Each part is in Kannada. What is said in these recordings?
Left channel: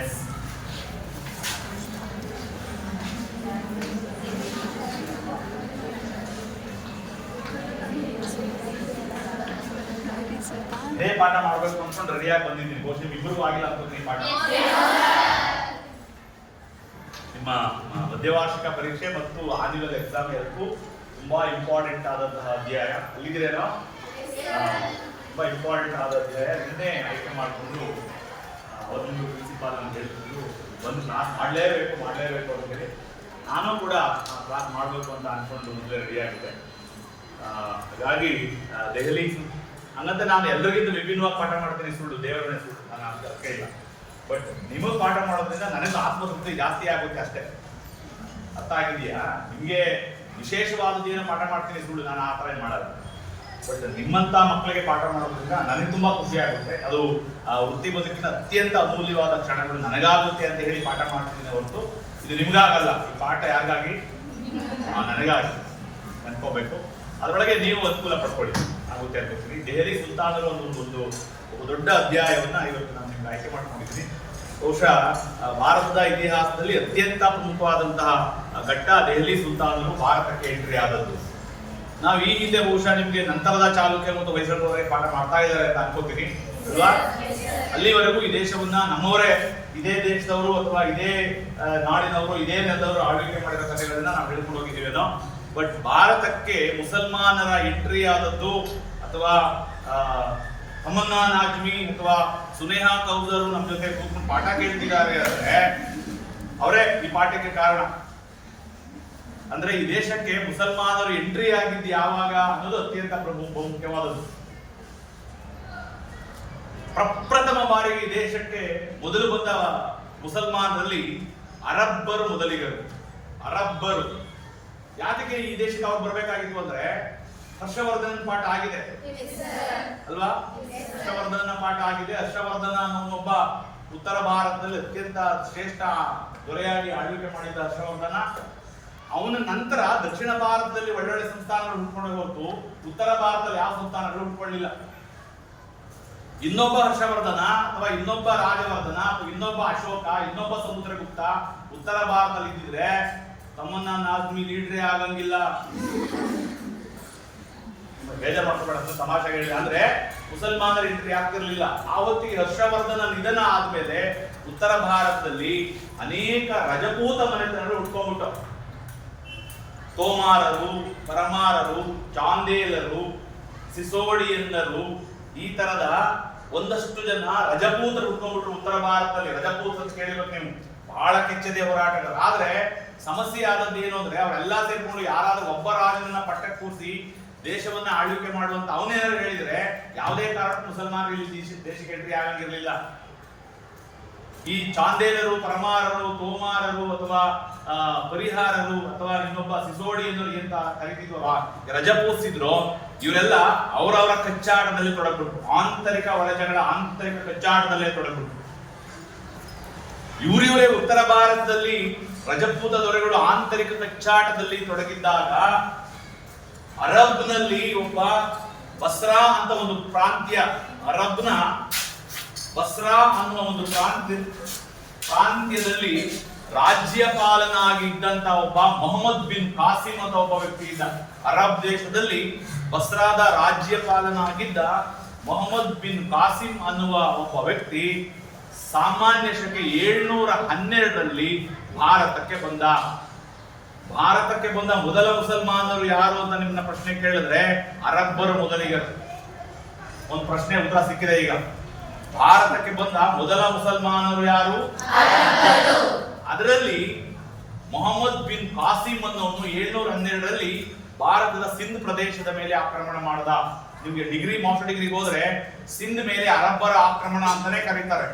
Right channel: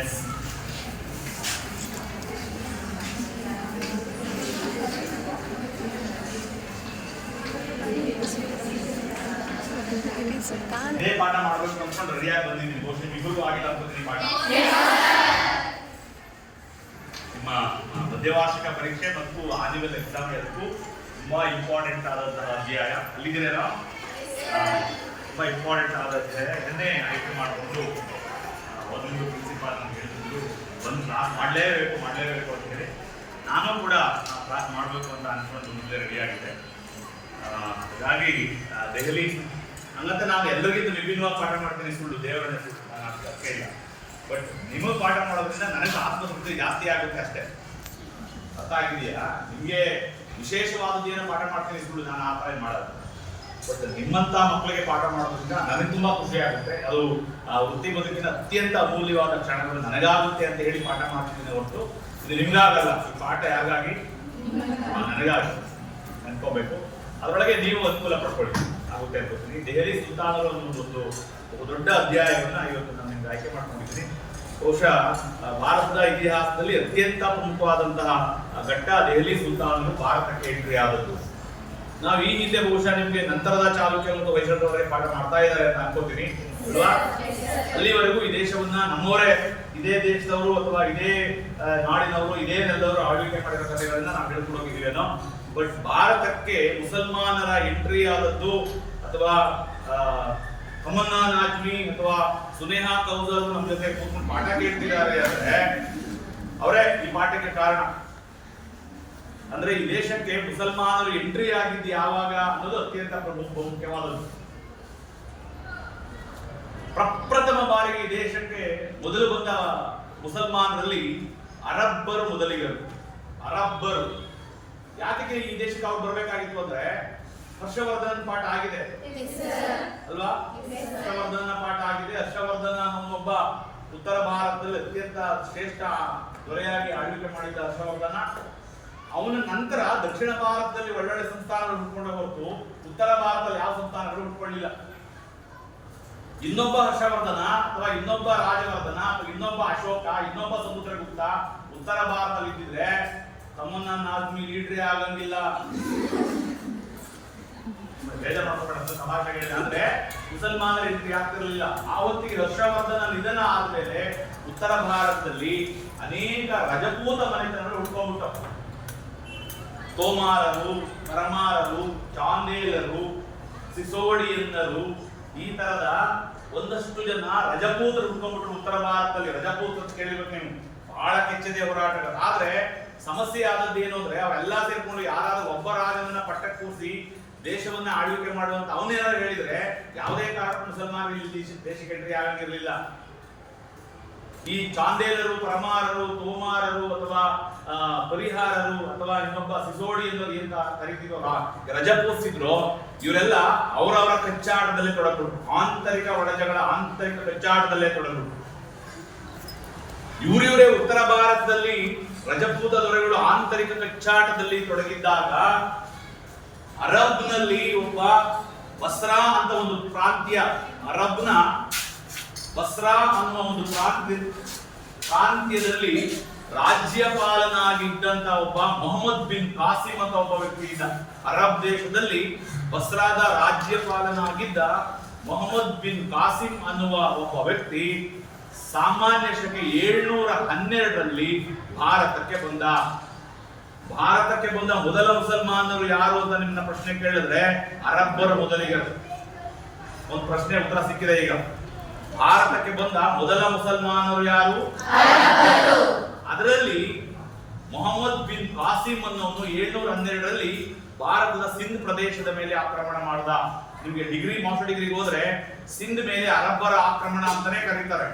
ಎಸ್ ಇದೇ ಪಾಠ ಮಾಡಬೇಕು ಅನ್ಕೊಂಡು ರೆಡಿಯಾಗಿ ಬಂದಿದ್ದೀನಿ. ಬಹುಶಃ ಇಬ್ಬರಿಗೂ ಆಗಿಲ್ಲ ಅನ್ಕೋತೀನಿ ಪಾಠ. ನಿಮ್ಮ ಮಧ್ಯವಾರ್ಷಿಕ ಪರೀಕ್ಷೆ ಮತ್ತು ಆನ್ಯುವಲ್ ಎಕ್ಸಾಮ್ ಎರಡಕ್ಕೂ ತುಂಬಾ ಇಂಪಾರ್ಟೆಂಟ್ ಆದಂತಹ ಅಧ್ಯಾಯ. ಅಲ್ಲಿದ್ದೀರೇನೋ? ತುಂಬಾ ಇಂಪಾರ್ಟೆಂಟ್ ಆದ ಅಧ್ಯಾಯನೇ ಆಯ್ಕೆ ಮಾಡಿಕೊಂಡು ಒಂದು ಪ್ರಿನ್ಸಿಪಾಲ್ ನಾನು ಹೇಳ್ತಿದ್ರು, ಒಂದು ಕ್ಲಾಸ್ ಮಾಡಲೇಬೇಕು ಅಂತ ಹೇಳಿ ನಾನು ಕೂಡ ಕ್ಲಾಸ್ ಮಾಡಬೇಕು ಅಂತ ಅನ್ಕೊಂಡು ಮೊದಲೇ ರೆಡಿ ಆಗಿದೆ. ಹಾಗಾಗಿ ದೆಹಲಿ ಹಂಗಂತ ನಾನು ಎಲ್ಲರಿಗಿಂತ ವಿಭಿನ್ನವಾಗಿ ಪಾಠ ಮಾಡ್ತೀನಿ, ಸುಳ್ಳು, ದೇವರನ್ನೇ ಸುಳ್ಳು, ನಾನು ಅರ್ಥ ಇಲ್ಲ. ಬಟ್ ನಿಮಗೆ ಪಾಠ ಮಾಡೋದ್ರಿಂದ ನನಗೆ ಆತ್ಮತೃಪ್ತಿ ಜಾಸ್ತಿ ಆಗುತ್ತೆ ಅಷ್ಟೇ. ಅರ್ಥ ಆಗಿದೆಯಾ? ನಿಮಗೆ ವಿಶೇಷವಾದದ್ದೇನೋ ಪಾಠ ಮಾಡ್ತೀನಿ, ಸುಳ್ಳು, ನಾನು ಆ ಥರ ಏನು ಮಾಡೋದು. ಬಟ್ ನಿಮ್ಮಂಥ ಮಕ್ಕಳಿಗೆ ಪಾಠ ಮಾಡೋದ್ರಿಂದ ನನಗೆ ತುಂಬ ಖುಷಿ ಆಗುತ್ತೆ. ಅದು ವೃತ್ತಿ ಬದುಕಿನ ಅತ್ಯಂತ ಅಮೂಲ್ಯವಾದ ಕ್ಷಣಗಳು ನನಗಾಗುತ್ತೆ ಅಂತ ಹೇಳಿ ಪಾಠ ಮಾಡ್ತಿದ್ದೀನಿ ಹೊರತು ಇದು ನಿಮ್ಗಾಗಲ್ಲ. ಈ ಪಾಠ ಯಾರಿಗಾಗಿ? ನನಗಾಗಿ ನೆನ್ಕೋಬೇಕು. ಅದರೊಳಗೆ ನೀವು ಅನುಕೂಲ ಪಡ್ಕೊಳ್ಳಿ, ಆಗುತ್ತೆ ಅನ್ಕೋತೀನಿ. ದೆಹಲಿ ಸುಲ್ತಾನರು ಒಂದು ದೊಡ್ಡ ಅಧ್ಯಾಯವನ್ನ ಇವತ್ತು ನಾನು ನಿಮ್ಗೆ ಆಯ್ಕೆ ಮಾಡ್ಕೊಂಡಿದ್ದೀನಿ. ಬಹುಶಃ ಭಾರತದ ಇತಿಹಾಸದಲ್ಲಿ ಅತ್ಯಂತ ಪ್ರಮುಖವಾದಂತಹ ಘಟ್ಟ ದೆಹಲಿ ಸುಲ್ತಾನರು ಭಾರತಕ್ಕೆ ಎಂಟ್ರಿ ಆದದ್ದು. ನಾವು ಈ ಹಿಂದೆ ಬಹುಶಃ ನಿಮಗೆ ನಂತರದ ಚಾಲುಕ್ಯ ಮತ್ತು ಹೊಯ್ಸಳರವರೇ ಪಾಠ ಮಾಡ್ತಾ ಇದ್ದಾರೆ ಅಂತ ಅನ್ಕೋತೀನಿ ಅಲ್ವಾ? ಅಲ್ಲಿವರೆಗೂ ಈ ದೇಶವನ್ನ ನಮ್ಮವರೇ, ಇದೇ ದೇಶದವರು ಅಥವಾ ಇದೇ ನಾಡಿನವರು, ಇದೇ ನೆಲದವರು ಆಳ್ವಿಕೆ ಮಾಡಿರೋ ಕಥೆಗಳನ್ನ ನಾವು ಹೇಳ್ಕೊಂಡು ಹೋಗಿದ್ದೀವೇನೋ. ಬಟ್ ಭಾರತಕ್ಕೆ ಮುಸಲ್ಮಾನರ ಎಂಟ್ರಿ ಆದದ್ದು ಅಥವಾ ತಮನ್ನಾ ನಾಜ್ಮಿ ಅಥವಾ ಸುನೇಹಾ ಕೌಸರು ನಮ್ಮ ಜೊತೆ ಕೂತ್ಕೊಂಡು ಪಾಠ ಕೇಳ್ತಿದ್ದಾರೆ ಅಂದ್ರೆ ಅವರೇ ಈ ಪಾಠಕ್ಕೆ ಕಾರಣ. ಅಂದ್ರೆ ಈ ದೇಶಕ್ಕೆ ಮುಸಲ್ಮಾನರು ಎಂಟ್ರಿ ಆಗಿದ್ದು ಯಾವಾಗ ಅನ್ನೋದು ಅತ್ಯಂತ ಮುಖ್ಯವಾದದ್ದು. ಪ್ರಪ್ರಥಮ ಬಾರಿಗೆ ಈ ದೇಶಕ್ಕೆ ಮೊದಲು ಬಂದ ಮುಸಲ್ಮಾನರಲ್ಲಿ ಅರಬ್ಬರು ಮೊದಲಿಗರು. ಅರಬ್ಬರು ಯಾತಕ್ಕೆ ಈ ದೇಶಕ್ಕೆ ಅವ್ರು ಬರ್ಬೇಕಾಗಿತ್ತು ಅಂದ್ರೆ ಹರ್ಷವರ್ಧನ್ ಪಾಠ ಆಗಿದೆ ಅಲ್ವಾ? ಹರ್ಷವರ್ಧನ ಪಾಠ ಆಗಿದೆ. ಹರ್ಷವರ್ಧನ ನಮ್ಮೊಬ್ಬ ಉತ್ತರ ಭಾರತದಲ್ಲಿ ಅತ್ಯಂತ ಶ್ರೇಷ್ಠ ದೊರೆಯಾಗಿ ಆಳ್ವಿಕೆ ಮಾಡಿದ್ದ ಹರ್ಷವರ್ಧನ. ಅವನ ನಂತರ ದಕ್ಷಿಣ ಭಾರತದಲ್ಲಿ ಒಳ್ಳೊಳ್ಳೆ ಸಂಸ್ಥಾನಗಳು ಹುಟ್ಕೊಂಡು ಹೊರತು ಉತ್ತರ ಭಾರತದಲ್ಲಿ ಯಾವ ಸಂಸ್ಥಾನಗಳು ಹುಟ್ಕೊಳ್ಳಿಲ್ಲ. ಇನ್ನೊಬ್ಬ ಹರ್ಷವರ್ಧನ ಅಥವಾ ಇನ್ನೊಬ್ಬ ರಾಜವರ್ಧನ ಅಥವಾ ಇನ್ನೊಬ್ಬ ಅಶೋಕ, ಇನ್ನೊಬ್ಬ ಸಮುದ್ರಗುಪ್ತ ಉತ್ತರ ಭಾರತದಲ್ಲಿ ಇದ್ದಿದ್ರೆ ತಮ್ಮನ್ನ ನಾಜ್ಮಿ ಲೀಡ್ರೇ ಆಗಂಗಿಲ್ಲ. ಬೇಜಾರು ಮಾಡ್ಕೊಬೇಡ, ತಮಾಷೆ ಹೇಳಿದೆ. ಅಂದ್ರೆ ಮುಸಲ್ಮಾನರ ಎಂಟ್ರಿ ಆಗ್ತಿರ್ಲಿಲ್ಲ. ಆವತ್ತಿಗೆ ಹರ್ಷವರ್ಧನ ನಿಧನ ಆದ್ಮೇಲೆ ಉತ್ತರ ಭಾರತದಲ್ಲಿ ಅನೇಕ ರಜಪೂತ ಮನೆತನಗಳು ಹುಟ್ಕೊಂಡ್ಬಿಟ್ಟು ತೋಮಾರರು, ಪರಮಾರರು, ಚಾಂದೇಲರು, ಸಿಸೋಡಿಯನ್ನರು, ಈ ತರದ ಒಂದಷ್ಟು ಜನ ರಜಪೂತರು ಹುಟ್ಕೊಂಡ್ಬಿಟ್ರು ಉತ್ತರ ಭಾರತದಲ್ಲಿ. ರಜಪೂತ ಅಂತ ಕೇಳಿರ್ಬೇಕು ನೀವು, ಬಹಳ ಕೆಚ್ಚದೆ ಹೋರಾಟಗಳು. ಆದ್ರೆ ಸಮಸ್ಯೆ ಆದದ್ದು ಏನು ಅಂದ್ರೆ ಅವರೆಲ್ಲ ಸೇರ್ಕೊಂಡು ಯಾರಾದ್ರೂ ಒಬ್ಬ ರಾಜನನ್ನ ಪಟ್ಟಕ್ಕೆ ಕೂರಿಸಿ ದೇಶವನ್ನ ಆಳ್ವಿಕೆ ಮಾಡುವಂತ ಅವನೇನಾದ್ರು ಹೇಳಿದ್ರೆ ಯಾವುದೇ ಕಾರಣಕ್ಕೂ ಮುಸಲ್ಮಾನರು ದೇಶಕ್ಕೆ ಎಂಟ್ರಿ ಆಗಂಗಿರ್ಲಿಲ್ಲ. ಈ ಚಾಂದೇಲರು, ಪರಮಾರರು, ತೋಮಾರರು ಅಥವಾ ಪರಿಹಾರರು ಅಥವಾ ಇನ್ನೊಬ್ಬ ಸಿಸೋಡಿಯನ್ನು ಅಂತ ಕರೀತಿದ್ರು ರಜಪೂಸಿದ್ರು, ಇವರೆಲ್ಲ ಅವರವರ ಕಚ್ಚಾಟದಲ್ಲಿ ತೊಡಗ್ಬಿಟ್ರು. ಆಂತರಿಕ ಒಳಜಗಳ, ಆಂತರಿಕ ಕಚ್ಚಾಟದಲ್ಲೇ ತೊಡಗ್ಬಿಟ್ರು. ಇವರೇ ಉತ್ತರ ಭಾರತದಲ್ಲಿ ರಜಪೂತ ದೊರೆಗಳು ಆಂತರಿಕ ಕಚ್ಚಾಟದಲ್ಲಿ ತೊಡಗಿದ್ದಾಗ ಅರಬ್ನಲ್ಲಿ ಒಬ್ಬ ಬಸ್ರಾ ಅಂತ ಒಂದು ಪ್ರಾಂತ್ಯ, ಅರಬ್ನ ಬಸ್ರಾ ಅನ್ನುವ ಒಂದು ಪ್ರಾಂತ್ಯದಲ್ಲಿ ರಾಜ್ಯಪಾಲನಾಗಿದ್ದಂತ ಒಬ್ಬ ಮೊಹಮ್ಮದ್ ಬಿನ್ ಕಾಸಿಂ ಅಂತ ಒಬ್ಬ ವ್ಯಕ್ತಿ ಇದ್ದ. ಅರಬ್ ದೇಶದಲ್ಲಿ ಬಸ್ರಾದ ರಾಜ್ಯಪಾಲನಾಗಿದ್ದ ಮೊಹಮ್ಮದ್ ಬಿನ್ ಕಾಸಿಂ ಅನ್ನುವ ಒಬ್ಬ ವ್ಯಕ್ತಿ ಸಾಮಾನ್ಯ ಶಕೆ 712ರಲ್ಲಿ ಭಾರತಕ್ಕೆ ಬಂದ. ಭಾರತಕ್ಕೆ ಬಂದ ಮೊದಲ ಮುಸಲ್ಮಾನರು ಯಾರು ಅಂತ ನಿಮ್ಮನ್ನ ಪ್ರಶ್ನೆ ಕೇಳಿದ್ರೆ ಅರಬ್ಬರು ಮೊದಲಿಗರು. ಒಂದು ಪ್ರಶ್ನೆ ಉತ್ತರ ಸಿಕ್ಕಿದೆ ಈಗ. ಭಾರತಕ್ಕೆ ಬಂದ ಮೊದಲ ಮುಸಲ್ಮಾನರು ಯಾರು? ಅದರಲ್ಲಿ ಮೊಹಮ್ಮದ್ ಬಿನ್ ಕಾಸಿಂ ಅನ್ನೋನು 712ರಲ್ಲಿ ಭಾರತದ ಸಿಂಧ್ ಪ್ರದೇಶದ ಮೇಲೆ ಆಕ್ರಮಣ ಮಾಡಿದ. ನಿಮ್ಗೆ ಡಿಗ್ರಿ, ಮಾಸ್ಟರ್ ಡಿಗ್ರಿಗೆ ಹೋದ್ರೆ ಸಿಂಧ್ ಮೇಲೆ ಅರಬ್ಬರ ಆಕ್ರಮಣ ಅಂತಾನೆ ಕರೀತಾರೆ.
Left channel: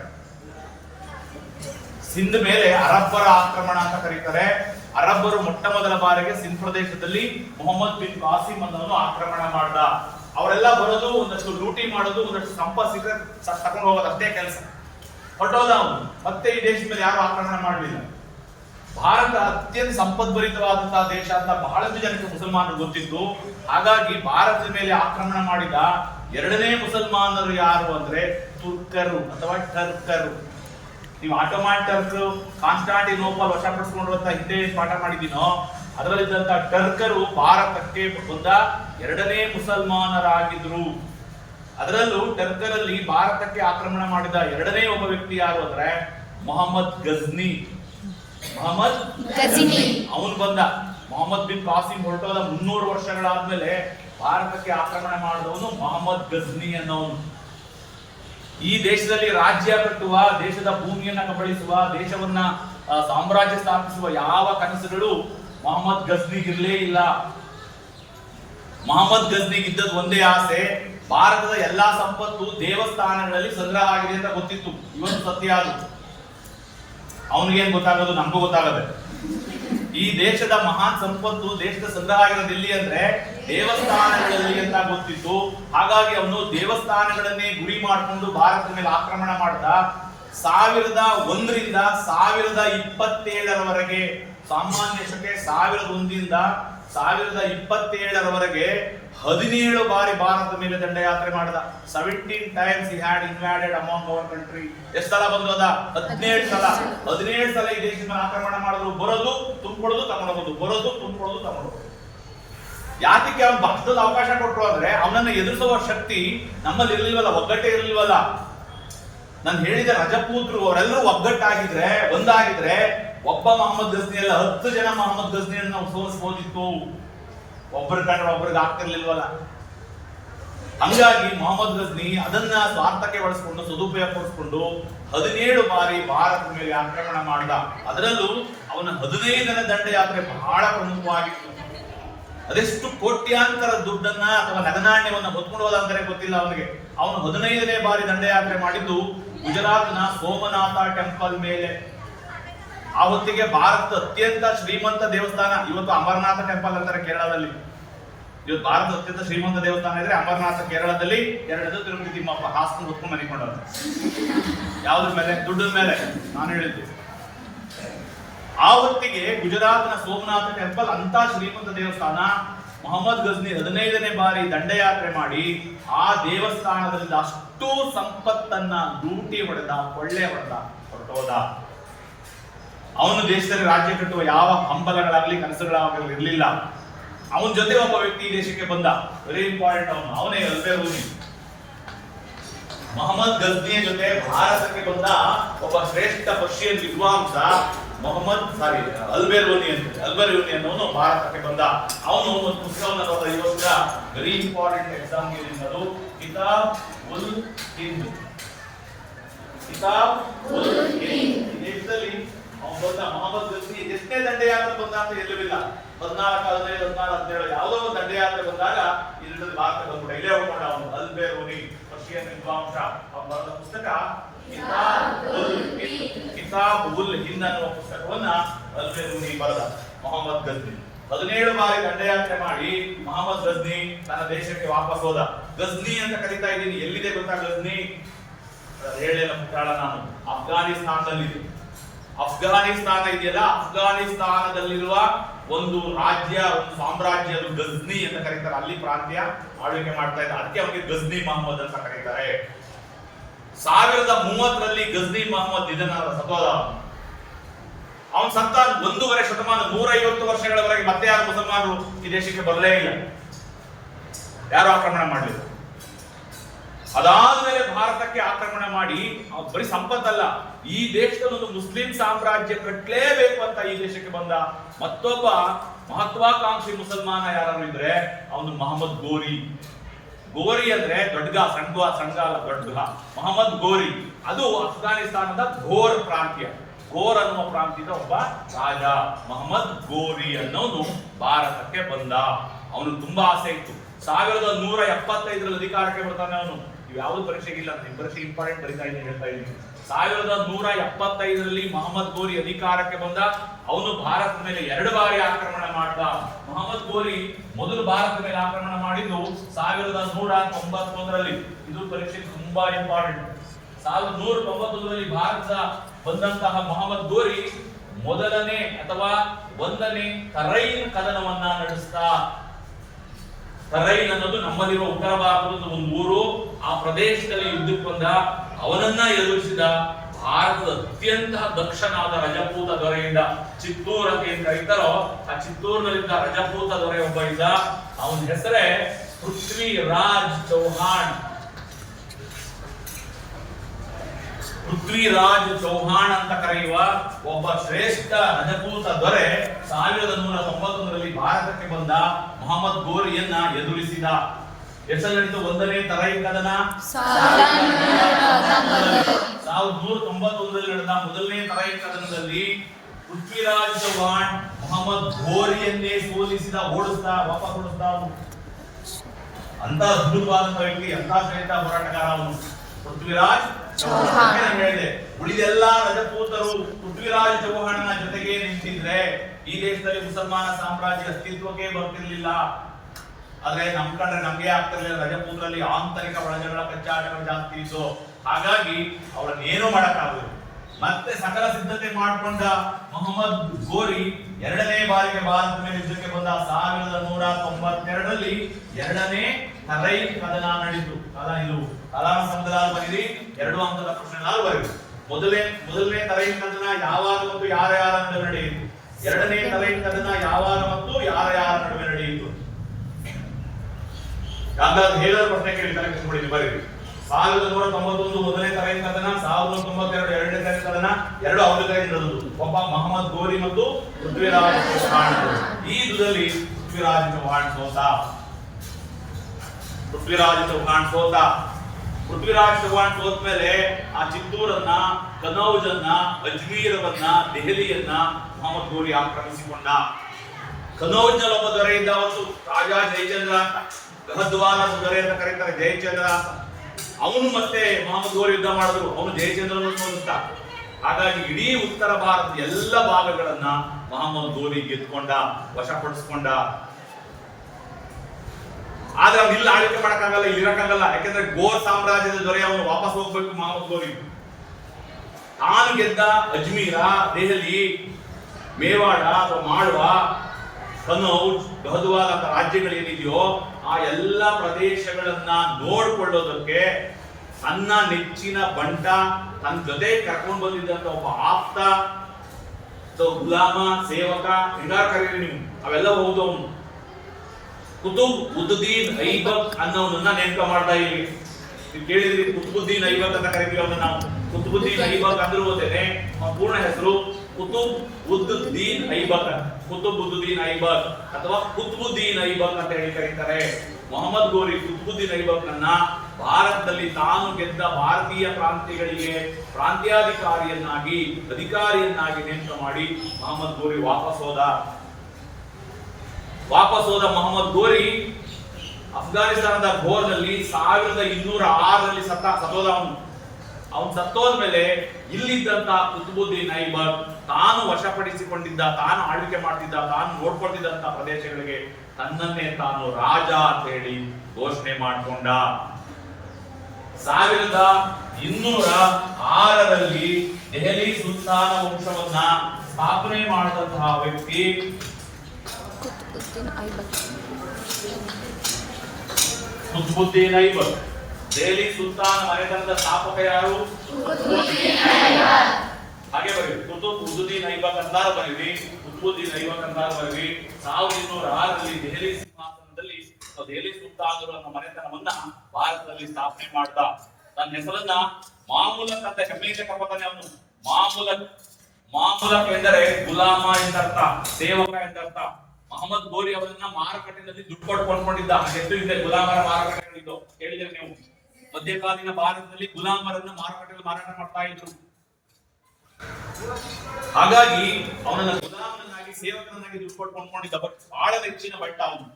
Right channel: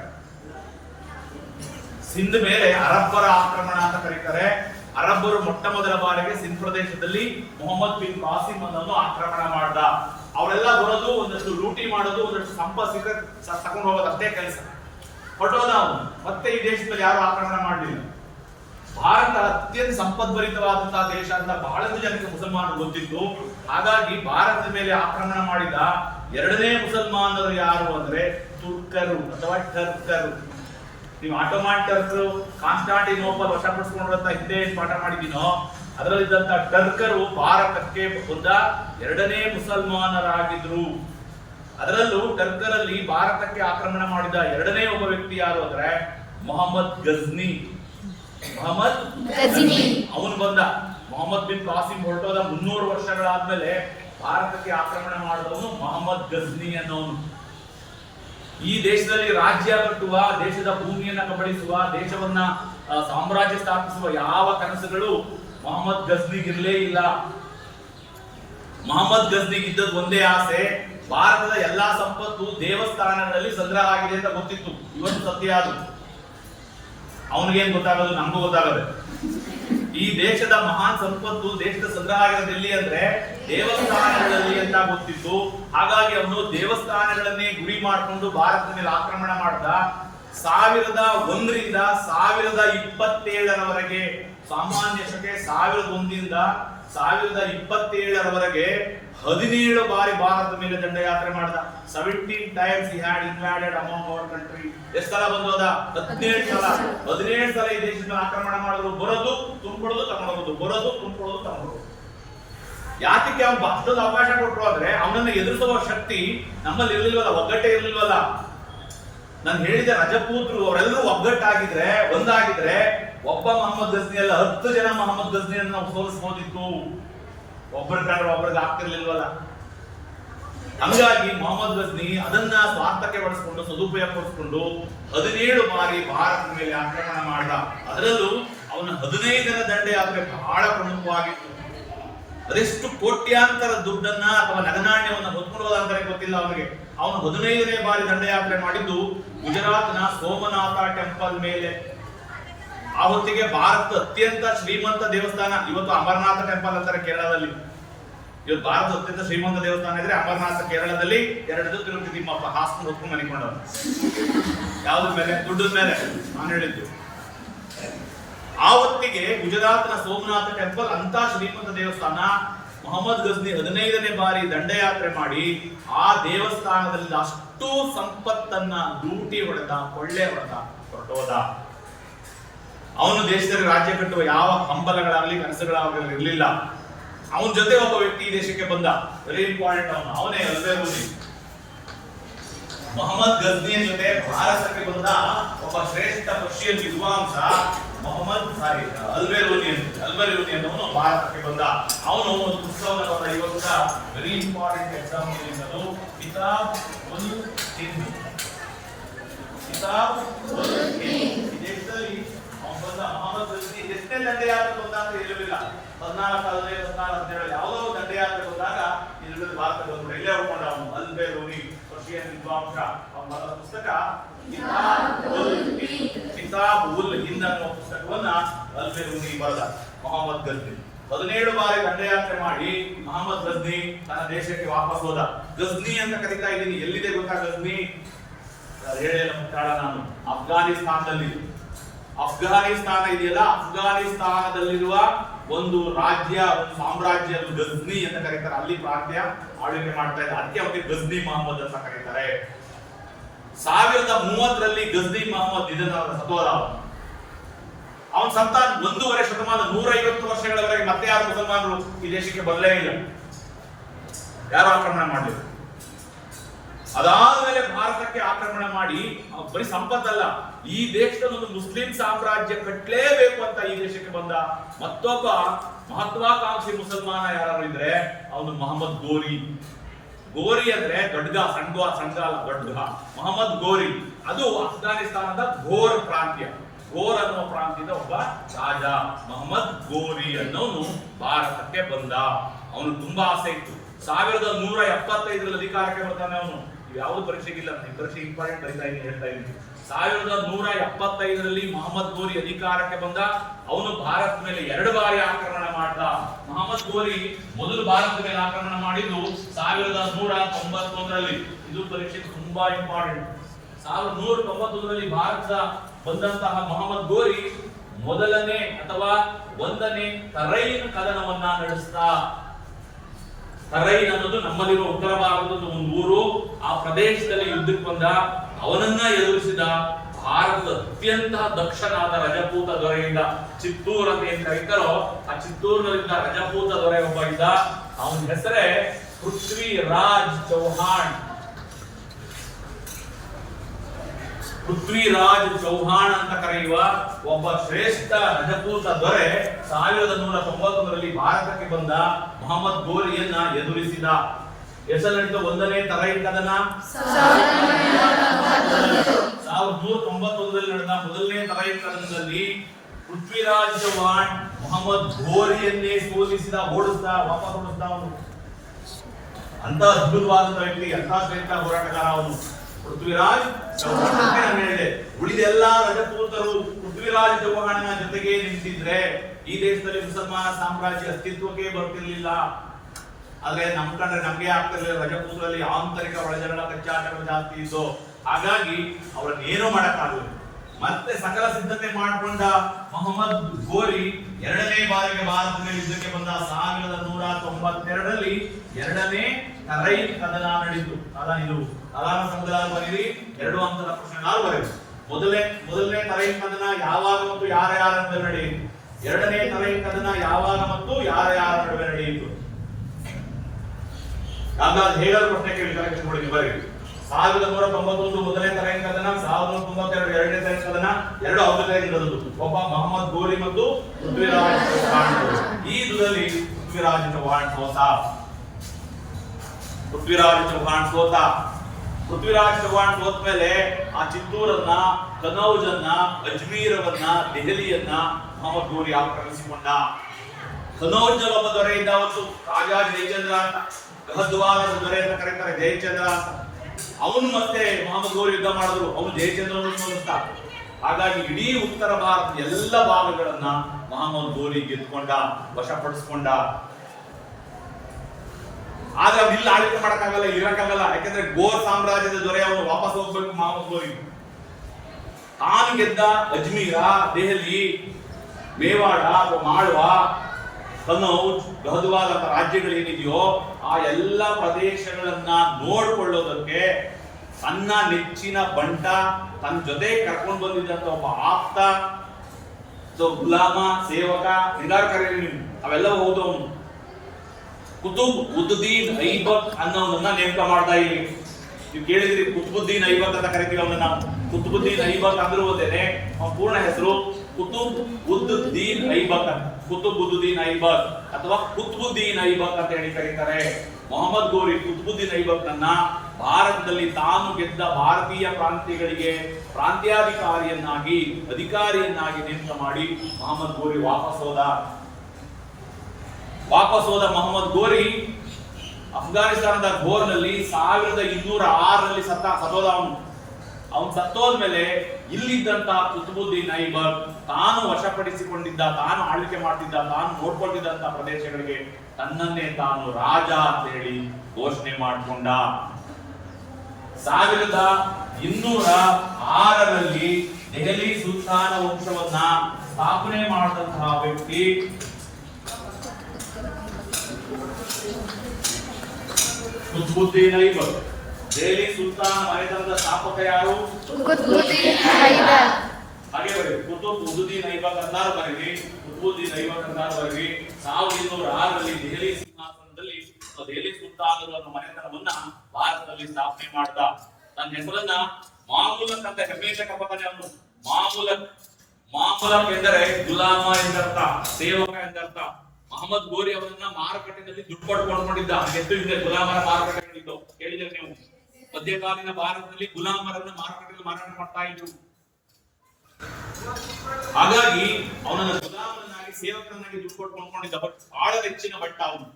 ಸಿಂಧ್ ಮೇಲೆ ಅರಬ್ಬರ ಆಕ್ರಮಣ ಅಂತ ಕರೀತಾರೆ. ಅರಬ್ಬರು ಮೊಟ್ಟ ಮೊದಲ ಬಾರಿಗೆ ಸಿಂಧ್ ಪ್ರದೇಶದಲ್ಲಿ ಮೊಹಮ್ಮದ್ ಬಿನ್ ಕಾಸಿಂ ಅನ್ನೋನು ಆಕ್ರಮಣ ಮಾಡ್ದ. ಅವರೆಲ್ಲ ಬರೋದು ಒಂದಷ್ಟು ಲೂಟಿ ಮಾಡೋದು, ಒಂದಷ್ಟು ಸಂಪತ್ತು ತಕೊಂಡು ಹೋಗೋದು ಅಷ್ಟೇ ಕೆಲಸ. ಹೊರಟೋದ ಅವನು. ಮತ್ತೆ ಈ ದೇಶದ ಮೇಲೆ ಯಾರು ಆಕ್ರಮಣ ಮಾಡಲಿಲ್ಲ. ಭಾರತ ಅತ್ಯಂತ ಸಂಪದ್ಭರಿತವಾದಂತಹ ದೇಶ ಅಂತ ಬಹಳಷ್ಟು ಜನಕ್ಕೆ ಮುಸಲ್ಮಾನರು ಗೊತ್ತಿತ್ತು. ಹಾಗಾಗಿ ಭಾರತದ ಮೇಲೆ ಆಕ್ರಮಣ ಮಾಡಿದ ಎರಡನೇ ಮುಸಲ್ಮಾನರು ಯಾರು ಅಂದ್ರೆ ತುರ್ಕರು ಅಥವಾ ಟರ್ಕರು. ನೀವು ಆಟೋಮಾನ್ ಟರ್ಕ್, ಕಾನ್ಸ್ಟಾಂಟಿನೋಪಲ್ ವಶಪಡಿಸಿಕೊಂಡಿರುವಂತ ಹಿಂದೆ ಪಾಠ ಮಾಡಿದ್ದೀನೋ ಅದರಲ್ಲಿದ್ದಂತ ಟರ್ಕರು ಭಾರತಕ್ಕೆ ಬಂದ ಎರಡನೇ ಮುಸಲ್ಮಾನರಾಗಿದ್ರು. ಅದರಲ್ಲೂ ಟರ್ಕರಲ್ಲಿ ಭಾರತಕ್ಕೆ ಆಕ್ರಮಣ ಮಾಡಿದ ಎರಡನೇ ಒಬ್ಬ ವ್ಯಕ್ತಿ ಯಾರು ಅಂದ್ರೆ ಮೊಹಮ್ಮದ್ ಗಜ್ನಿ. ಅವನು ಬಂದ. ಮೊಹಮ್ಮದ್ ಬಿನ್ ಕಾಸಿಂ ಹೊರಟೋದ 300 ವರ್ಷಗಳಾದ್ಮೇಲೆ ಭಾರತಕ್ಕೆ ಆಕ್ರಮಣ ಮಾಡಿದವನು ಮೊಹಮ್ಮದ್ ಗಜ್ನಿ ಅನ್ನೋನು. ಈ ದೇಶದಲ್ಲಿ ರಾಜ್ಯ ಕಟ್ಟುವ, ದೇಶದ ಭೂಮಿಯನ್ನ ಕಬಳಿಸುವ, ದೇಶವನ್ನ ಸಾಮ್ರಾಜ್ಯ ಸ್ಥಾಪಿಸುವ ಯಾವ ಕನಸುಗಳು ಮೊಹಮ್ಮದ್ ಗಜ್ನಿಗಿರ್ಲೇ ಇಲ್ಲ. ಮೊಹಮ್ಮದ್ ಗಜ್ನಿಗಿದ್ದದ್ದು ಒಂದೇ ಆಸೆ, ಭಾರತದ ಎಲ್ಲಾ ಸಂಪತ್ತು ದೇವಸ್ಥಾನಗಳಲ್ಲಿ ಸಂಗ್ರಹ ಆಗಿದೆ ಅಂತ ಗೊತ್ತಿತ್ತು. ಇವತ್ತು ಸತ್ಯ ಅದು. ಅವನಿಗೇನ್ ಗೊತ್ತಾಗೋದು, ನಮಗೂ ಗೊತ್ತಾಗದೆ. ಈ ದೇಶದ ಮಹಾನ್ ಸಂಪತ್ತು ದೇಶದ ಸಂಗ್ರಹ ಆಗಿರೋದು ಎಲ್ಲಿ ಅಂದ್ರೆ ದೇವಸ್ಥಾನಗಳಲ್ಲಿ ಅಂತ ಗೊತ್ತಿತ್ತು. ಹಾಗಾಗಿ ಅವನು ದೇವಸ್ಥಾನಗಳನ್ನೇ ಗುರಿ ಮಾಡಿಕೊಂಡು ಭಾರತದ ಮೇಲೆ ಆಕ್ರಮಣ ಮಾಡ್ದ. 1001ರಿಂದ 1027ರವರೆಗೆ, ಸಾಮಾನ್ಯ ಶಕೆ 1001ರಿಂದ 1027ರವರೆಗೆ 17 ಬಾರಿ ಭಾರತದ ಮೇಲೆ ದಂಡಯಾತ್ರೆ ಮಾಡಿದ. 17 times he had invaded among our country. ಎಷ್ಟು ಸಲ ಬಂದೋದ? 17 ಸಲ. 17 ಸಲ ಈ ದೇಶದ ಮೇಲೆ ಆಕ್ರಮಣ ಮಾಡಿದ್ರು. ಬರೋದು, ತುಂಬಿಕೊಳ್ಳೋದು, ತಗೊಂಡೋಗೋದು, ಬರೋದು, ತುಂಬಿಕೊಳ್ಳೋದು, ತಗೊಂಡೋಗೋದು. ಯಾತಕ್ಕೆ ಅವ್ನು ಅಷ್ಟೊಂದು ಅವಕಾಶ ಕೊಟ್ಟರು ಅಂದ್ರೆ ಅವನನ್ನ ಎದುರಿಸುವ ಶಕ್ತಿ ನಮ್ಮಲ್ಲಿ ಇರ್ಲಿಲ್ವಲ್ಲ, ಒಗ್ಗಟ್ಟೆ ಇರ್ಲಿಲ್ವಲ್ಲ. ನಾನು ಹೇಳಿದ ರಜಪೂತರು ಅವರೆಲ್ಲರೂ ಒಗ್ಗಟ್ಟಾಗಿದ್ರೆ, ಒಂದಾಗಿದ್ರೆ ಒಬ್ಬ ಮೊಹಮ್ಮದ್ ಗಜ್ನಿ ಅಲ್ಲ 10 ಜನ ಮೊಹಮ್ಮದ್ ಗಜ್ನಿಯನ್ನು ನಾವು ಸೋಲಿಸಬಹುದಿತ್ತು. ಒಬ್ಬರು ಕಂಡ್ರೆ ಒಬ್ಬರಿಗೆ ಆಗ್ತಿರ್ಲಿಲ್ವಲ್ಲ. ಹಂಗಾಗಿ ಮೊಹಮ್ಮದ್ ಗಜ್ನಿ ಅದನ್ನ ಸ್ವಾರ್ಥಕ್ಕೆ ಬಳಸಿಕೊಂಡು, ಸದುಪಯೋಗಪಡಿಸಿಕೊಂಡು 17 ಬಾರಿ ಭಾರತದ ಮೇಲೆ ಆಕ್ರಮಣ ಮಾಡ್ದ. ಅದರಲ್ಲೂ ಅವನ 15ನೇ ದಂಡಯಾತ್ರೆ ಬಹಳ ಪ್ರಮುಖವಾಗಿತ್ತು. ಅದೆಷ್ಟು ಕೋಟ್ಯಾಂತರ ದುಡ್ಡನ್ನ ಅಥವಾ ನಗನಾಣ್ಯವನ್ನ ಹೊತ್ಕೊಂಡು ಹೋದ ಅಂತಾನೆ ಗೊತ್ತಿಲ್ಲ ಅವನಿಗೆ. ಅವನು 15ನೇ ಬಾರಿ ದಂಡಯಾತ್ರೆ ಮಾಡಿದ್ದು ಗುಜರಾತ್ನ ಸೋಮನಾಥ ಟೆಂಪಲ್ ಮೇಲೆ. ಆ ಹೊತ್ತಿಗೆ ಭಾರತದ ಅತ್ಯಂತ ಶ್ರೀಮಂತ ದೇವಸ್ಥಾನ, ಇವತ್ತು ಅಮರನಾಥ ಟೆಂಪಲ್ ಅಂತಾರೆ ಕೇರಳದಲ್ಲಿ. ಇವತ್ತು ಭಾರತದ ಅತ್ಯಂತ ಶ್ರೀಮಂತ ದೇವಸ್ಥಾನ ಇದ್ರೆ ಅಮರನಾಥ ಕೇರಳದಲ್ಲಿ, ಎರಡದು ತಿರುಪತಿ ತಿಮ್ಮಪ್ಪ ಹಾಸ್ಕೊಂಡು ಹೊತ್ಕೊಂಡು ಮನಿಕೊಂಡವ್ರು. ಯಾವ್ದ್ರ ಮೇಲೆ? ದುಡ್ಡದ ಮೇಲೆ. ನಾನು ಹೇಳಿದ್ದು ಆ ಹೊತ್ತಿಗೆ ಗುಜರಾತ್ನ ಸೋಮನಾಥ ಟೆಂಪಲ್ ಅಂತ ಶ್ರೀಮಂತ ದೇವಸ್ಥಾನ. ಮೊಹಮ್ಮದ್ ಗಜ್ನಿ 15ನೇ ಬಾರಿ ದಂಡಯಾತ್ರೆ ಮಾಡಿ ಆ ದೇವಸ್ಥಾನದಲ್ಲಿ ಅಷ್ಟು ಸಂಪತ್ತನ್ನ ಲೂಟಿ ಹೊಡೆದ, ಕೊಳ್ಳೆ ಹೊಡೆದ, ಹೊರಟೋದ. ಅವನು ದೇಶದಲ್ಲಿ ರಾಜ್ಯ ಕಟ್ಟುವ ಯಾವ ಹಂಬಲಗಳಾಗ್ಲಿ ಕನಸುಗಳಾಗಲಿ ಇರಲಿಲ್ಲ. ಅವನ ಜೊತೆ ಒಬ್ಬ ವ್ಯಕ್ತಿ ಈ ದೇಶಕ್ಕೆ ಬಂದ, ವೆರಿ ಇಂಪಾರ್ಟೆಂಟ್. ಅವನೇ ಅಲ್ಬೇರುನಿ. ಮೊಹಮ್ಮದ್ ಗಜ್ನಿಯ ಜೊತೆ ಭಾರತಕ್ಕೆ ಬಂದ ಒಬ್ಬ ಶ್ರೇಷ್ಠ ಪರ್ಷಿಯನ್ ವಿದ್ವಾಂಸ ಅಲ್ಬೇರುನಿ ಅನ್ನೋನು ಭಾರತಕ್ಕೆ ಬಂದ. ಅವನು ಒಂದು ಪುಸ್ತಕವನ್ನು ಬರೆದ. ಇವತ್ತು ವೆರಿ ಇಂಪಾರ್ಟೆಂಟ್ ಎಕ್ಸಾಮ್ ಇರೋದು ಕಿತಾಬ್ ಉಲ್ ಹಿಂದ್. ಕಿತಾಬ್ ಉಲ್ ಹಿಂದ್. ದೇಶದಲ್ಲಿ ಮೊಹಮ್ಮದ್ ಗಜ್ನಿ ಎಷ್ಟೇ ದಂಡಯಾತ್ರೆ ಬಂದ ಅಂತ ಇರಲಿಲ್ಲ. 14 17 ಯಾವುದೋ ಒಂದು ದಂಡಯಾತ್ರೆ ಬಂದಾಗ ಇಲ್ಲಿ ಭಾರತ ಬಂದ್ಬಿಟ್ಟು ಇಲ್ಲೇ ಹೋಗೋಣ. ಅವನು ಅಲ್ಬೇರುನಿ ಪರ್ಷಿಯನ್ ವಿದ್ವಾಂಸ. ಪುಸ್ತಕ ಕಿತಾಬ್ ಉಲ್ ಹಿಂದ್ ಅನ್ನುವ ಪುಸ್ತಕವನ್ನ ಅಲ್ಬೇರುನಿ ಬರೆದ. ಮೊಹಮ್ಮದ್ ಗಜ್ನಿ 17 ಬಾರಿ ದಂಡಯಾತ್ರೆ ಮಾಡಿ ಮೊಹಮ್ಮದ್ ಗಜ್ನಿ ತನ್ನ ದೇಶಕ್ಕೆ ವಾಪಸ್ ಹೋದ. ಗಜ್ನಿ ಅಂತ ಕರೀತಾ ಇದ್ದೀನಿ. ಎಲ್ಲಿದೆ ಗೊತ್ತಾ ಗಜ್ನಿ? ಹೇಳೇನ ಕಾಳ ನಾನು. ಅಫ್ಘಾನಿಸ್ತಾನದಲ್ಲಿ. ಅಫ್ಘಾನಿಸ್ತಾನ ಇದೆಯಲ್ಲ, ಅಫ್ಘಾನಿಸ್ತಾನದಲ್ಲಿರುವ ಒಂದು ರಾಜ್ಯ, ಒಂದು ಸಾಮ್ರಾಜ್ಯ, ಅದು ಗಜ್ನಿ ಅಂತ ಕರೀತಾರೆ. ಅಲ್ಲಿ ಪ್ರಾಂತ್ಯ ಆಳ್ವಿಕೆ ಮಾಡ್ತಾ ಇದ್ದಾರೆ. ಅದಕ್ಕೆ ಅವನಿಗೆ ಗಜ್ನಿ ಮೊಹಮ್ಮದ್ ಅಂತ ಕರೀತಾರೆ. 1030ರಲ್ಲಿ ಗಜ್ನಿ ಮೊಹಮ್ಮದ್ ಇದನ್ನ ಸತ್ತೋದ. ಅವನ್ ಸತ್ತ 1.5 ಶತಮಾನ, 150 ವರ್ಷಗಳವರೆಗೆ ಮತ್ತೆ ಯಾರು ಮುಸಲ್ಮಾನರು ಈ ದೇಶಕ್ಕೆ ಬರಲೇ ಇಲ್ಲ. ಯಾರು ಆಕ್ರಮಣ ಮಾಡಲಿಲ್ಲ. ಅದಾದ್ಮೇಲೆ ಭಾರತಕ್ಕೆ ಆಕ್ರಮಣ ಮಾಡಿ ಬರೀ ಸಂಪತ್ತಲ್ಲ, ಈ ದೇಶದಲ್ಲಿ ಒಂದು ಮುಸ್ಲಿಂ ಸಾಮ್ರಾಜ್ಯ ಕಟ್ಟಲೇಬೇಕು ಅಂತ ಈ ದೇಶಕ್ಕೆ ಬಂದ ಮತ್ತೊಬ್ಬ ಮಹತ್ವಾಕಾಂಕ್ಷಿ ಮುಸಲ್ಮಾನ ಯಾರು ಇದ್ರೆ ಅವನು ಮೊಹಮ್ಮದ್ ಗೋರಿ. ಗೋರಿ ಅಂದ್ರೆ ದೊಡ್ಡಗ, ಸಣ್ಣ ಅಲ್ಲ, ದೊಡ್ಡಗ. ಮೊಹಮ್ಮದ್ ಗೋರಿ ಅದು ಅಫ್ಘಾನಿಸ್ತಾನದ ಘೋರ್ ಪ್ರಾಂತ್ಯ. ಘೋರ್ ಅನ್ನುವ ಪ್ರಾಂತ್ಯದ ಒಬ್ಬ ರಾಜ ಮೊಹಮ್ಮದ್ ಗೋರಿ ಅನ್ನೋನು ಭಾರತಕ್ಕೆ ಬಂದ. ಅವನು ತುಂಬಾ ಆಸೆ ಇತ್ತು. 1175ರಲ್ಲಿ ಅಧಿಕಾರಕ್ಕೆ ಬರ್ತಾನೆ ಅವನು. ಯಾವ್ದು ಪರೀಕ್ಷೆಗಿಲ್ಲ, ನಾನು ಪರೀಕ್ಷೆ ಇಂಪಾರ್ಟೆಂಟ್ ಬರೀತಾ ಇದ್ದೀನಿ, ಹೇಳ್ತಾ ಇದ್ದೀನಿ. 1175ರಲ್ಲಿ ಮೊಹಮ್ಮದ್ ಗೋರಿ ಅಧಿಕಾರಕ್ಕೆ ಬಂದ. ಅವನು ಭಾರತದ ಮೇಲೆ 2 ಬಾರಿ ಆಕ್ರಮಣ ಮಾಡ್ದ. ಮೊಹಮ್ಮದ್ ಗೋರಿ ಮೊದಲು ಭಾರತದ ಮೇಲೆ ಆಕ್ರಮಣ ಮಾಡಿದ್ದು 1191ರಲ್ಲಿ. ಇದು ಪರೀಕ್ಷೆ ತುಂಬಾ ಇಂಪಾರ್ಟೆಂಟ್. 1191ರಲ್ಲಿ ಭಾರತ ಬಂದಂತಹ ಮೊಹಮ್ಮದ್ ಗೋರಿ ಮೊದಲನೇ ಅಥವಾ 1ನೇ ತರೈನ್ ಕದನವನ್ನ ನಡೆಸ್ತಾ. ತರೈನ್ ಅನ್ನೋದು ನಮ್ಮಲ್ಲಿರುವ ಉತ್ತರ ಭಾರತದ ಒಂದು ಊರು. ಆ ಪ್ರದೇಶದಲ್ಲಿ ಯುದ್ಧಕ್ಕೆ ಬಂದ. ಅವನನ್ನ ಎದುರಿಸಿದ ಭಾರತದ ಅತ್ಯಂತ ದಕ್ಷನಾದ ರಜಪೂತ ದೊರೆಯಿಂದ ಚಿತ್ತೂರ್ ಅಂತ ಏನ್ ಕರೀತಾರೋ ಆ ಚಿತ್ತೂರಿನಲ್ಲಿದ್ದ ರಜಪೂತ ದೊರೆ ಒಬ್ಬ ಇದ್ದ. ಅವನ ಹೆಸರೇ ಪೃಥ್ವಿರಾಜ್ ಚೌಹಾಣ್. ಪೃಥ್ವಿರಾಜ್ ಚೌಹಾಣ್ ಅಂತ ಕರೆಯುವ ಒಬ್ಬ ಶ್ರೇಷ್ಠ ರಜಪೂತ ದೊರೆ 1191ರಲ್ಲಿ ಭಾರತಕ್ಕೆ ಬಂದ ಮೊಹಮ್ಮದ್ ಗೋರಿಯನ್ನ ಎದುರಿಸಿದ. ಎಷ್ಟು ನಡೆಯಿತು? ಒಂದನೇ ತರೈ ಕದನ. 1191ರಲ್ಲಿ ನಡೆದ ಮೊದಲನೇ ತರೈ ಕದನದಲ್ಲಿ ಪೃಥ್ವಿರಾಜ್ ಚೌಹಾಣ್ ಮೊಹಮ್ಮದ್ ಗೋರಿಯನ್ನೇ ಸೋಲಿಸಿದ, ವಾಪಸ್ ಓಡಿಸಿದ. ಅವನು ಅಂತ ಅದ್ಭುತವಾದಂತ ವ್ಯಕ್ತಿ, ಅಂತ ಶ್ರೇಷ್ಠ ಹೋರಾಟಗಾರ ಅವನು ಪೃಥ್ವಿರಾಜ್ ಚೌಹಾಣ್. ಉಳಿದೆಲ್ಲ ರಜಪೂತರು ಪೃಥ್ವಿರಾಜ್ ಚೌಹಾಣ್ನ ಜೊತೆಗೆ ನಿಂತಿದ್ರೆ ಈ ದೇಶದಲ್ಲಿ ಮುಸಲ್ಮಾನ ಸಾಮ್ರಾಜ್ಯ ಅಸ್ತಿತ್ವಕ್ಕೆ ಬರ್ತಿರ್ಲಿಲ್ಲ. ಆದ್ರೆ ನಮ್ಗೆ ಆಗ್ತಿರ್ಲಿಲ್ಲ. ರಜಪೂತರಲ್ಲಿ ಆಂತರಿಕ ಒಳಜಗಳ ಕಚ್ಚಾಟಗಳು ಜಾಸ್ತಿ ಇದ್ದು, ಹಾಗಾಗಿ ಅವರನ್ನ ಏನೂ ಮಾಡಕ್ಕಾಗಲಿಲ್ಲ. ಮತ್ತೆ ಸಕಲ ಸಿದ್ಧತೆ ಮಾಡಿಕೊಂಡ ಮೊಹಮ್ಮದ್ ಗೋರಿ ಎರಡನೇ ಬಾರಿಗೆ ಭಾರತದ ಮೇಲೆ ಯುದ್ಧಕ್ಕೆ ಬಂದ. 1192ರಲ್ಲಿ ಎರಡನೇ ತರೈ ಕದನ ನಡೆಯಿತು. ಇದು ಕಲಾಮ ಸಮುದಾಯ ಬರೀರಿ, 2 ಹಂತದ ಪ್ರಶ್ನೆಗಳು ಬರೀರಿ. ಮೊದಲನೇ ತರೈ ಕದನ ಯಾವಾಗ ಮತ್ತು ಯಾರ ನಡುವೆ ನಡೆಯಿತು? ಎರಡನೇ ತರೈ ಕದನ ಯಾವಾಗ ಮತ್ತು ಯಾರ ನಡುವೆ ನಡೆಯಿತು? ಯಾವ್ದಾದ್ರು ಹೇಳಲು ಪ್ರಶ್ನೆ ಕೇಳಿ ಬರೀರಿ. 1191 ಮೊದಲನೇ ತರೈ ಕದನ, 1192 ಎರಡನೇ ತರೈ ಕದನ, ಎರಡು ಅವಧಿಗಾಗಿ ನಡೆದದ್ದು. ಒಬ್ಬ ಮೊಹಮ್ಮದ್ ಗೋರಿ ಮತ್ತು ಪೃಥ್ವಿರಾಜ್ ಚೌಹಾಣ್. ಈ ಯುದ್ಧದಲ್ಲಿ ಪೃಥ್ವಿರಾಜ್ ಚೌಹಾಣ್ ಸೋತ. ಪೃಥ್ವಿರಾಜ್ ಚೌಹಾಣ್ ಸೋತ ಮೇಲೆ ಆ ಚಿತ್ತೂರನ್ನ, ಕನೌಜನ್ನ, ಅಜ್ಮೀರವನ್ನ, ದೆಹಲಿಯನ್ನ ಮೊಹಮ್ಮದ್ ಗೋರಿ ಆಕ್ರಮಿಸಿಕೊಂಡ. ಕನೌಜ್ನಲ್ಲಿ ಒಬ್ಬ ದೊರೆ ಇದ್ದ, ಅವತ್ತು ರಾಜ ಜಯಚಂದ್ರ ಅಂತ. ಗಹದ್ವಾಲದ ದೊರೆ ಅಂತ ಕರೀತಾರೆ, ಜಯಚಂದ್ರ ಅಂತ. ಅವನು ಮತ್ತೆ ಮೊಹಮ್ಮದ್ ಗೋರಿ ಯುದ್ಧ ಮಾಡಿದ್ರು, ಅವನು ಜಯಚಂದ್ರನ ಸೋಲಿಸ್ತ. ಹಾಗಾಗಿ ಇಡೀ ಉತ್ತರ ಭಾರತದ ಎಲ್ಲ ಭಾಗಗಳನ್ನ ಮೊಹಮ್ಮದ್ ಗೋರಿ ಗೆದ್ದುಕೊಂಡ, ವಶಪಡಿಸಿಕೊಂಡ. ಆದ್ರೆ ಅವ್ನು ಇಲ್ಲಿ ಆಳ್ವಿಕೆ ಮಾಡಕ್ಕಾಗಲ್ಲ, ಇಲ್ಲಿ ಇರಕ್ಕಾಗಲ್ಲ. ಯಾಕೆಂದ್ರೆ ಗೋರ್ ಸಾಮ್ರಾಜ್ಯದ ದೊರೆ ಅವನು ವಾಪಸ್ ಹೋಗ್ಬೇಕು. ಮೊಹಮ್ಮದ್ ಗೋರಿ ತಾನು ಗೆದ್ದ ಅಜ್ಮೀರ, ದೆಹಲಿ, ಮೇವಾಡ ಅಥವಾ ಮಾಳ್ವ, ಕನೌಜ್, ಗಹದ್ವಾಲ್ ಅಂತ ರಾಜ್ಯಗಳೇನಿದೆಯೋ ಆ ಎಲ್ಲ ಪ್ರದೇಶಗಳನ್ನ ನೋಡ್ಕೊಳ್ಳೋದಕ್ಕೆ ತನ್ನ ನೆಚ್ಚಿನ ಬಂಟ, ತನ್ನ ಜೊತೆ ಕರ್ಕೊಂಡು ಬಂದಿದ್ದಂತ ಒಬ್ಬ ಆಪ್ತ, ಗುಲಾಮ, ಸೇವಕ, ಹಿಂಗಾರು ಕರೀರಿ ನೀವು, ಅವೆಲ್ಲ ಓದೋನು ಕುತುಬ್ ಉದ್ದೀನ್ ಐಬಕ್ ಅನ್ನೋನನ್ನ ನೇಮಕ ಮಾಡ್ತಾ ಇದೀವಿ. ನೀವು ಕೇಳಿದ್ರಿ ಕುತುಬುದ್ದೀನ್ ಐಬಕ್ ಅಂತ ಕರಿತೀವಿ ಅವನ್ನ ನಾವು. ಕುತುಬುದ್ದೀನ್ ಐಬಕ್ ಅಂದ್ರೆ ಓದೇನೆ ಅವನ ಪೂರ್ಣ ಹೆಸರು ಕುತುಬ್ ಉದ್ದೀನ್ ಐಬಕ್. ಕುತುಬ್ ಉದ್ದೀನ್ ಐಬಕ್ ಅಥವಾ ಕುತುಬುದ್ದೀನ್ ಐಬಕ್ ಅಂತ ಹೇಳಿ ಕರೀತಾರೆ. ಮೊಹಮ್ಮದ್ ಗೋರಿ ಕುತುಬುದ್ದೀನ್ ಐಬಕ್ ಅನ್ನ ಭಾರತದಲ್ಲಿ ತಾನು ಗೆದ್ದ ಭಾರತೀಯ ಪ್ರಾಂತ್ಯಗಳಿಗೆ ಅಧಿಕಾರಿಯನ್ನಾಗಿ ನೇಮಕ ಮಾಡಿ ಮೊಹಮ್ಮದ್ ಗೋರಿ ವಾಪಸ್ ಹೋದ. ಮೊಹಮ್ಮದ್ ಗೋರಿ ಅಫ್ಘಾನಿಸ್ತಾನದ ಘೋರ್ನಲ್ಲಿ 1206ರಲ್ಲಿ ಸತ್ತೋದ. ಅವನು ಸತ್ತೋದ್ಮೇಲೆ ಇಲ್ಲಿದ್ದಂತ ಕುತುಬುದ್ದೀನ್ ಐಬಕ್ ತಾನು ವಶಪಡಿಸಿಕೊಂಡಿದ್ದ, ತಾನು ಆಳ್ವಿಕೆ ಮಾಡ್ತಿದ್ದ, ತಾನು ನೋಡ್ಕೊಳ್ತಿದ್ದಂತ ಪ್ರದೇಶಗಳಿಗೆ ತನ್ನನ್ನೇ ತಾನು ರಾಜ ಅಂತ ಹೇಳಿ ಘೋಷಣೆ ಮಾಡಿಕೊಂಡ. 1206ರಲ್ಲಿ ದೆಹಲಿ ಸುಲ್ತಾನ ವಂಶವನ್ನ ಸ್ಥಾಪನೆ ಮಾಡಿದಂತಹ ವ್ಯಕ್ತಿ ಕುತುಬುದ್ದೀನ್ ಐಬಕ್. ದೆಹಲಿ ಸುಲ್ತಾನ ಮನೆತನದ ಸ್ಥಾಪಕ ಯಾರು? ಹಾಗೆ ಬರೀ ಕುತುಬ್ ಉದ್ದೀನ್ ಐಬಕ್ ಅಂತಾರು ಬರೀರಿ, ಕುತುಬುದ್ದೀನ್ ಐಬಕ್ ಅಂತಾರು ಬರೀರಿ. 1206ರಲ್ಲಿ ದೆಹಲಿ ಸಿಂಹಾಸನದಲ್ಲಿ ದೆಹಲಿ ಸುಲ್ತಾನರು ಅನ್ನೋ ಮನೆತನವನ್ನ ಭಾರತದಲ್ಲಿ ಸ್ಥಾಪನೆ ಮಾಡ್ದ. ತನ್ನ ಹೆಸರನ್ನ ಮಾಮೂಲಕ್ ಅಂತ ಹೆಮ್ಮೆಯಿಂದ ಕಪ್ಪತಾನೆ ಅವನು. ಮಾಮೂಲಕ್ ಎಂದರೆ ಗುಲಾಮ ಎಂದರ್ಥ, ಸೇವಕ ಎಂದರ್ಥ. ಮೊಹಮ್ಮದ್ ಗೋರಿ ಅವರನ್ನ ಮಾರುಕಟ್ಟೆಯಲ್ಲಿ ದುಡ್ಡು ಕೊಟ್ಟು ಕೊಂಡ್ಕೊಂಡಿದ್ದ. ಎಷ್ಟು ಇದೆ ಗುಲಾಮರ ಮಾರುಕಟ್ಟೆಗಳಿದ್ದು ಹೇಳಿದ್ರೆ ನೀವು. ಮಧ್ಯಕಾಲೀನ ಭಾರತದಲ್ಲಿ ಗುಲಾಮರನ್ನ ಮಾರುಕಟ್ಟೆಯಲ್ಲಿ ಮಾರಾಟ ಮಾಡ್ತಾ ಇದ್ರು. ಹಾಗಾಗಿ ಅವನನ್ನ ಗುಲಾಮರನ್ನಾಗಿ, ಸೇವಕರನ್ನಾಗಿ ದುಡ್ಡು ಕೊಟ್ಟು ಕೊಂಡ್ಕೊಂಡಿದ್ದ. ಬಟ್ ಬಹಳ ನೆಚ್ಚಿನ ಬಟ್ಟ ಅವನು.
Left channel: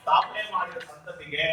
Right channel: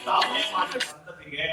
ಸ್ಥಾಪನೆ ಮಾಡಿದ ಸಂತತಿಗೆ